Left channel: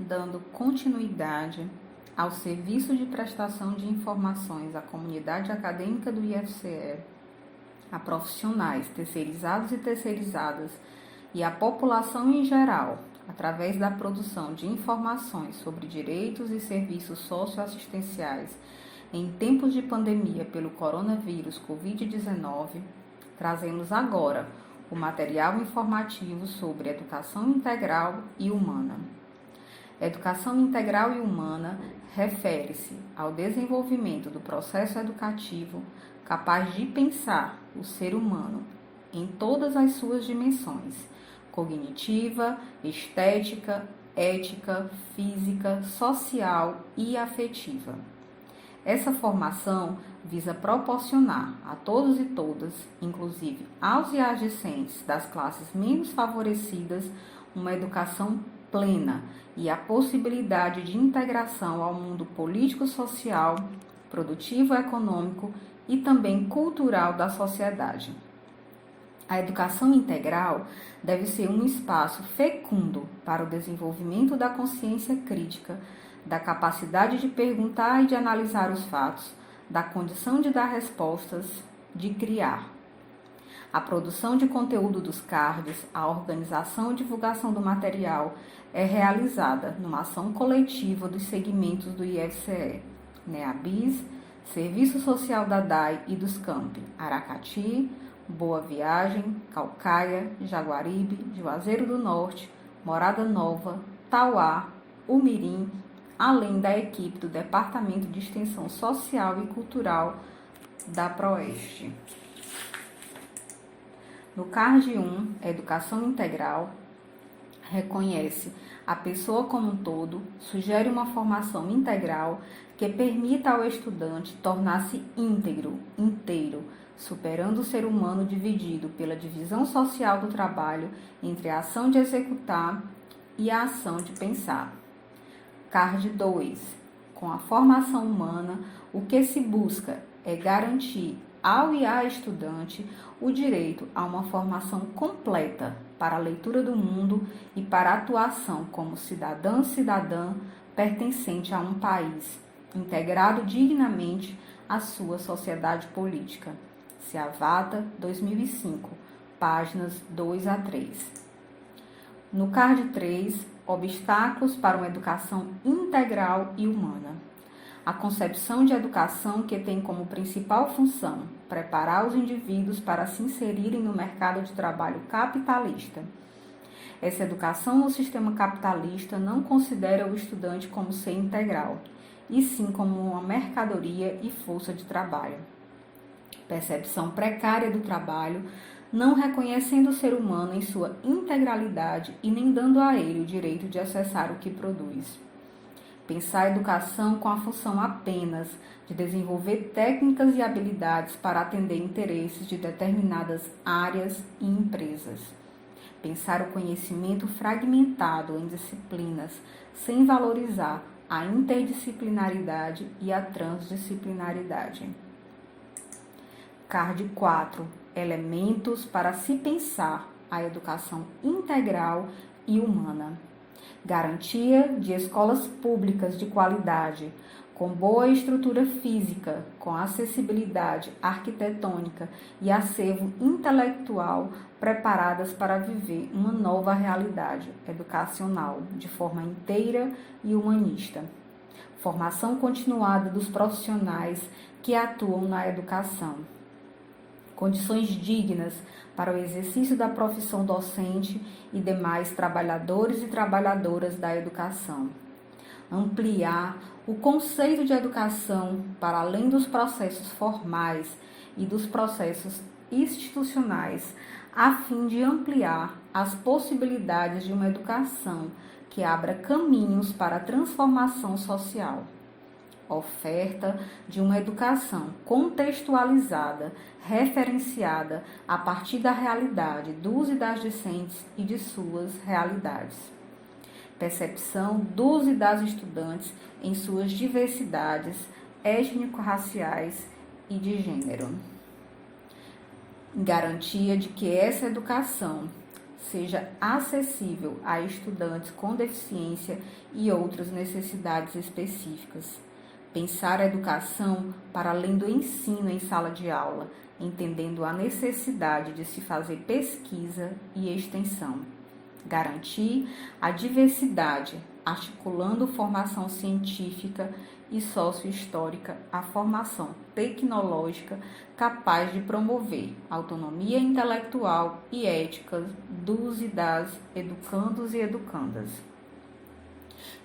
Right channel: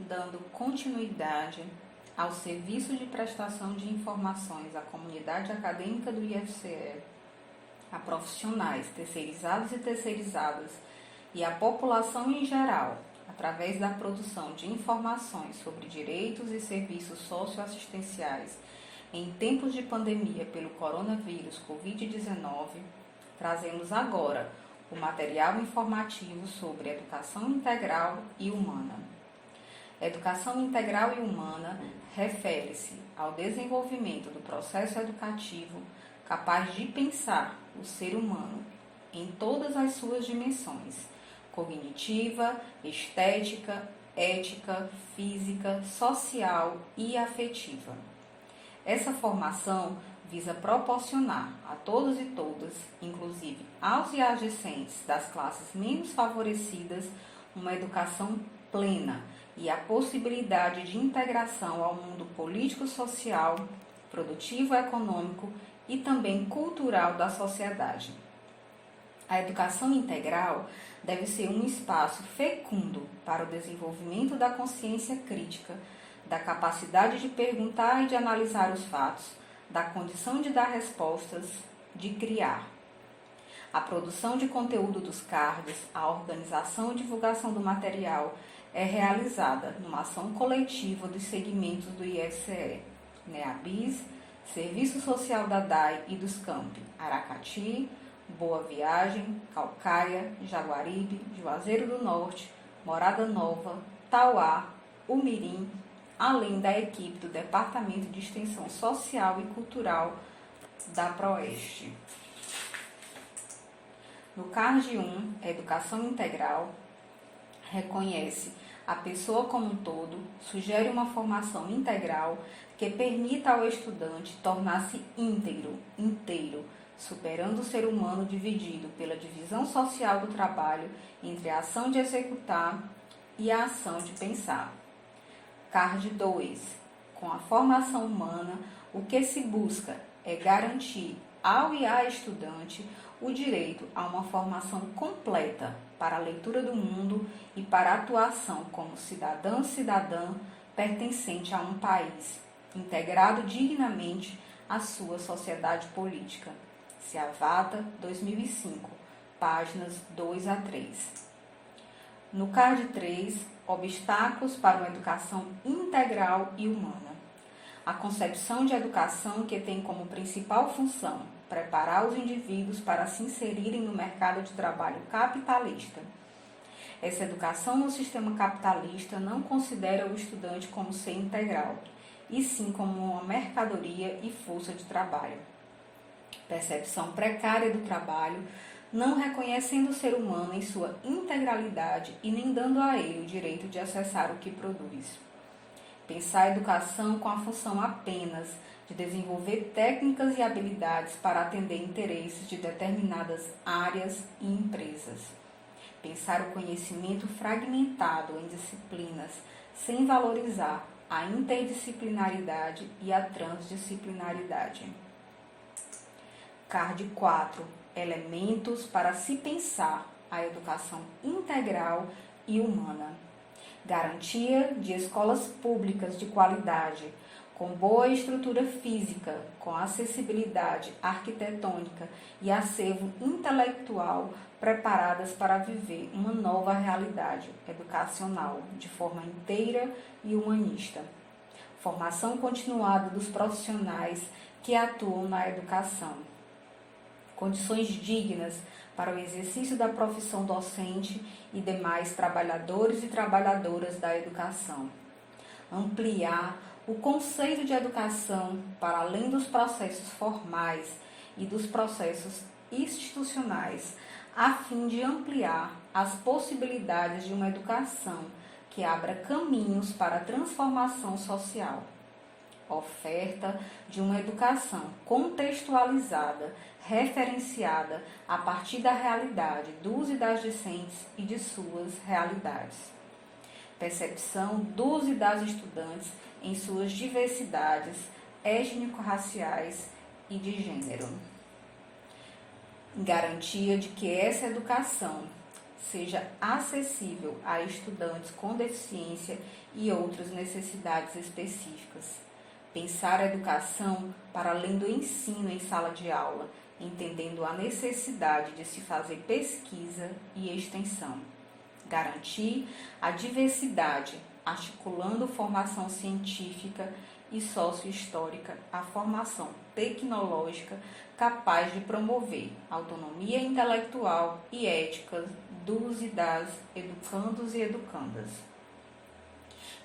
dando continuidade ao serviço de prestação de informações à comunidade acadêmica do IFCE, a profissionais terceirizados e terceirizadas e à população em geral, através da produção de informações sobre direitos e serviços socioassistenciais em tempos de pandemia pelo coronavírus Covid-19, trazemos agora o material informativo sobre educação integral e humana. Educação integral e humana refere-se ao desenvolvimento do processo educativo capaz de pensar o ser humano em todas as suas dimensões: cognitiva, estética, ética, física, social e afetiva. Essa formação visa proporcionar a todos e todas, inclusive aos e às discentes das classes menos favorecidas, uma educação plena e a possibilidade de integração ao mundo político-social, produtivo-econômico e também cultural da sociedade. A educação integral deve ser um espaço fecundo para o desenvolvimento da consciência crítica, da capacidade de perguntar e de analisar os fatos, da condição de dar respostas, de criar. A produção de conteúdo dos cards, a organização e divulgação do material é realizada numa ação coletiva dos segmentos do IFCE, NEABIS, Serviço Social da DAI e dos campi Aracati, Boa Viagem, Caucaia, Jaguaribe, Juazeiro do Norte, Morada Nova, Tauá, Umirim, além da equipe do Departamento de Extensão Social e Cultural da Proeste. No CARD 1, Educação Integral, reconhece a pessoa como um todo, sugere uma formação integral que permita ao estudante tornar-se íntegro, inteiro, superando o ser humano dividido pela divisão social do trabalho entre a ação de executar e a ação de pensar. CARD 2. Com a formação humana, o que se busca é garantir ao e à estudante o direito a uma formação completa para a leitura do mundo e para a atuação como cidadã pertencente a um país, integrado dignamente à sua sociedade política. Seavata, 2005, páginas 2 a 3. No CARD 3, obstáculos para uma educação integral e humana. A concepção de educação que tem como principal função preparar os indivíduos para se inserirem no mercado de trabalho capitalista. Essa educação no sistema capitalista não considera o estudante como ser integral, e sim como uma mercadoria e força de trabalho. Percepção precária do trabalho, não reconhecendo o ser humano em sua integralidade e nem dando a ele o direito de acessar o que produz. Pensar a educação com a função apenas de desenvolver técnicas e habilidades para atender interesses de determinadas áreas e empresas. Pensar o conhecimento fragmentado em disciplinas, sem valorizar a interdisciplinaridade e a transdisciplinaridade. CARD 4. Elementos para se pensar a educação integral e humana. Garantia de escolas públicas de qualidade, com boa estrutura física, com acessibilidade arquitetônica e acervo intelectual preparadas para viver uma nova realidade educacional de forma inteira e humanista. Formação continuada dos profissionais que atuam na educação. Condições dignas para o exercício da profissão docente e demais trabalhadores e trabalhadoras da educação. Ampliar o conceito de educação para além dos processos formais e dos processos institucionais, a fim de ampliar as possibilidades de uma educação que abra caminhos para a transformação social. Oferta de uma educação contextualizada, referenciada a partir da realidade dos e das discentes e de suas realidades. Percepção dos e das estudantes em suas diversidades étnico-raciais e de gênero. Garantia de que essa educação seja acessível a estudantes com deficiência e outras necessidades específicas. Pensar a educação para além do ensino em sala de aula, entendendo a necessidade de se fazer pesquisa e extensão. Garantir a diversidade, articulando formação científica e sociohistórica à formação tecnológica capaz de promover autonomia intelectual e ética dos e das educandos e educandas.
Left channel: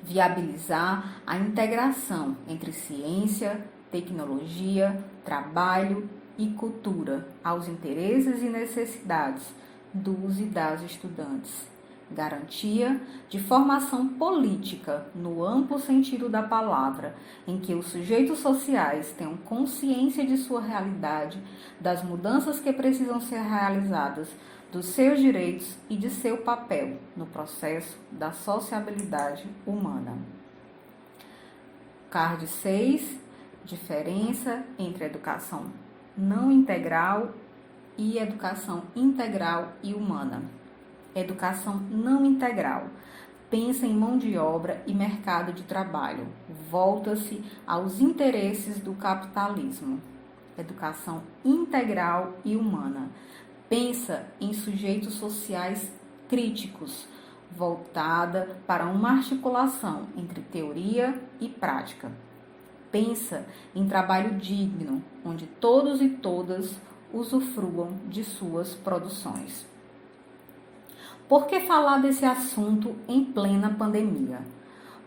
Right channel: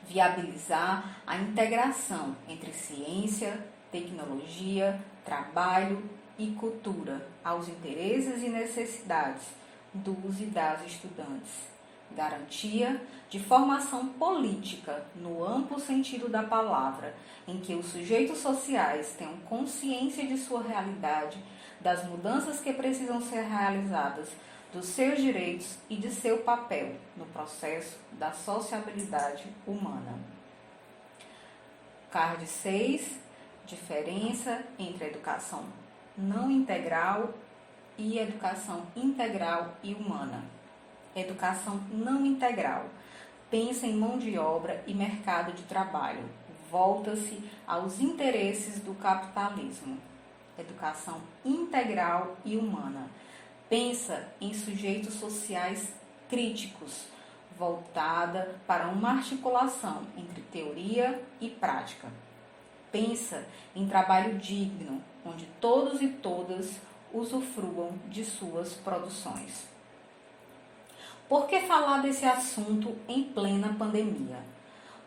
Viabilizar a integração entre ciência, tecnologia, trabalho e cultura aos interesses e necessidades dos e das estudantes. Garantia de formação política, no amplo sentido da palavra, em que os sujeitos sociais tenham consciência de sua realidade, das mudanças que precisam ser realizadas, dos seus direitos e de seu papel no processo da sociabilidade humana. Card 6. Diferença entre educação não integral e educação integral e humana. Educação não integral. Pensa em mão de obra e mercado de trabalho. Volta-se aos interesses do capitalismo. Educação integral e humana. Pensa em sujeitos sociais críticos, voltada para uma articulação entre teoria e prática. Pensa em trabalho digno, onde todos e todas usufruam de suas produções. Por que falar desse assunto em plena pandemia?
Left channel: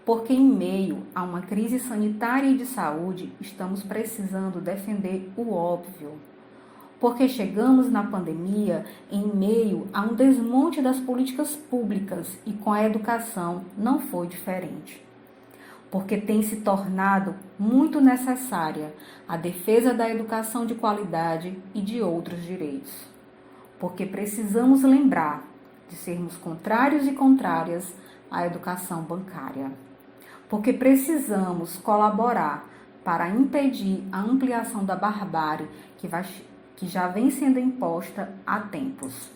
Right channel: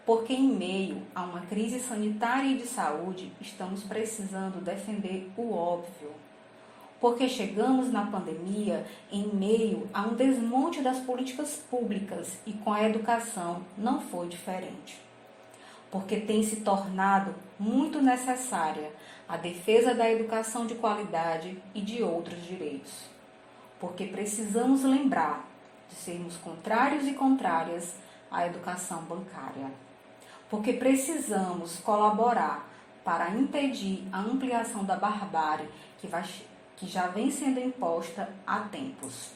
Porque em meio a uma crise sanitária e de saúde, estamos precisando defender o óbvio. Porque chegamos na pandemia em meio a um desmonte das políticas públicas e com a educação não foi diferente. Porque tem se tornado muito necessária a defesa da educação de qualidade e de outros direitos. Porque precisamos lembrar de sermos contrários e contrárias à educação bancária. Porque precisamos colaborar para impedir a ampliação da barbárie que já vem sendo imposta há tempos.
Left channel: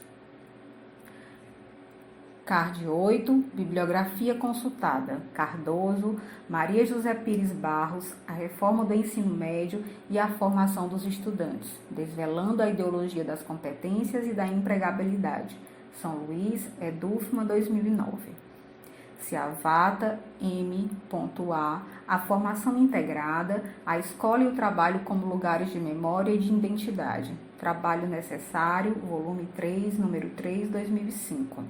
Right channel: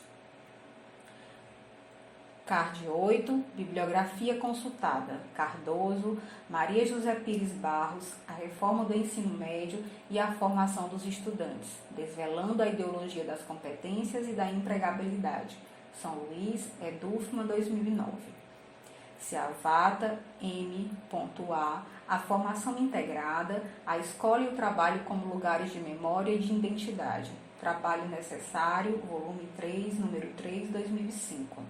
Card 8, bibliografia consultada, Cardoso, Maria José Pires Barros, a reforma do ensino médio e a formação dos estudantes, desvelando a ideologia das competências e da empregabilidade, São Luís, Edufma, 2009. Ciavata, M.A, formação integrada, a escola e o trabalho como lugares de memória e de identidade, trabalho necessário, volume 3, número 3, 2005.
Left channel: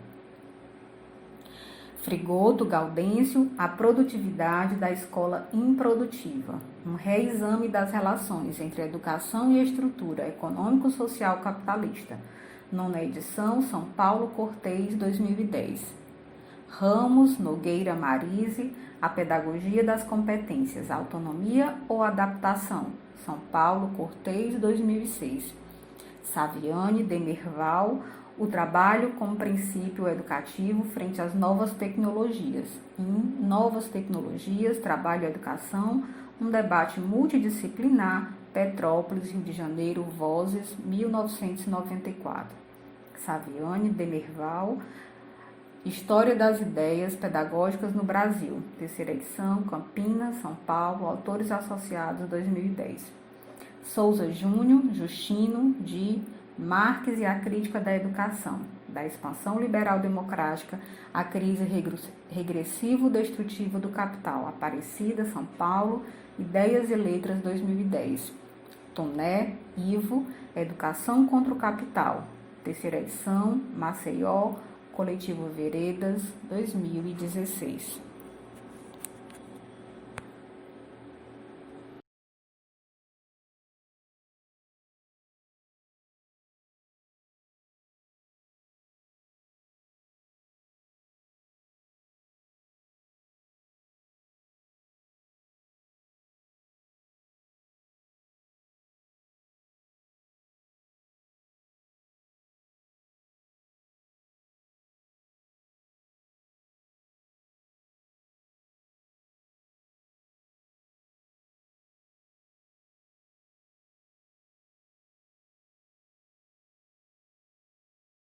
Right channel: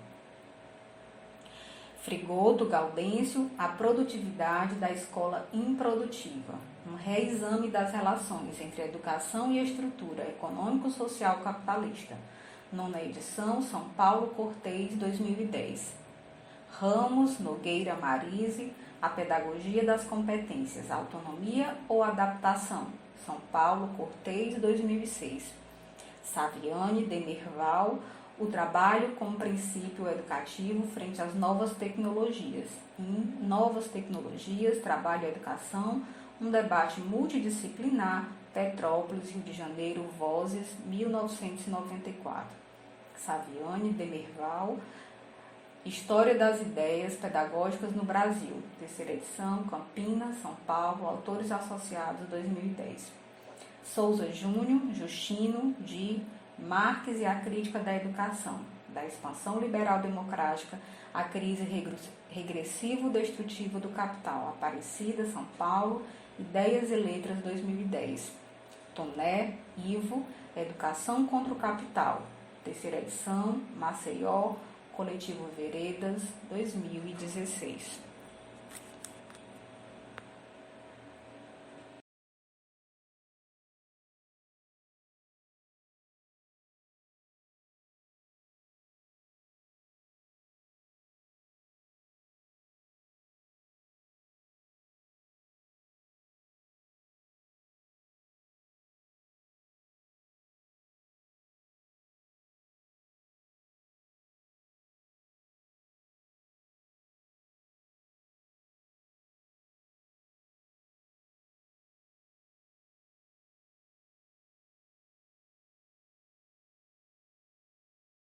Frigoto, Gaudêncio, a produtividade da escola improdutiva, um reexame das relações entre a educação e a estrutura econômico-social capitalista, nona edição, São Paulo, Cortez, 2010. Ramos, Nogueira, Marise, a pedagogia das competências, autonomia ou adaptação, São Paulo, Cortez, 2006. Saviani, Demerval, o trabalho como princípio educativo frente às novas tecnologias. Em Novas Tecnologias, Trabalho e Educação, um debate multidisciplinar, Petrópolis, Rio de Janeiro, Vozes, 1994. Saviani, Demerval, História das Ideias Pedagógicas no Brasil, terceira edição, Campinas, São Paulo, Autores Associados, 2010. Souza Júnior, Justino, de Marques e a Crítica da Educação, da Expansão Liberal Democrática à Crise Regressivo-Destrutiva do Capital, Aparecida, São Paulo, Ideias e Letras, 2010. Toné, Ivo, Educação contra o Capital, terceira edição, Maceió, Coletivo Veredas, 2016.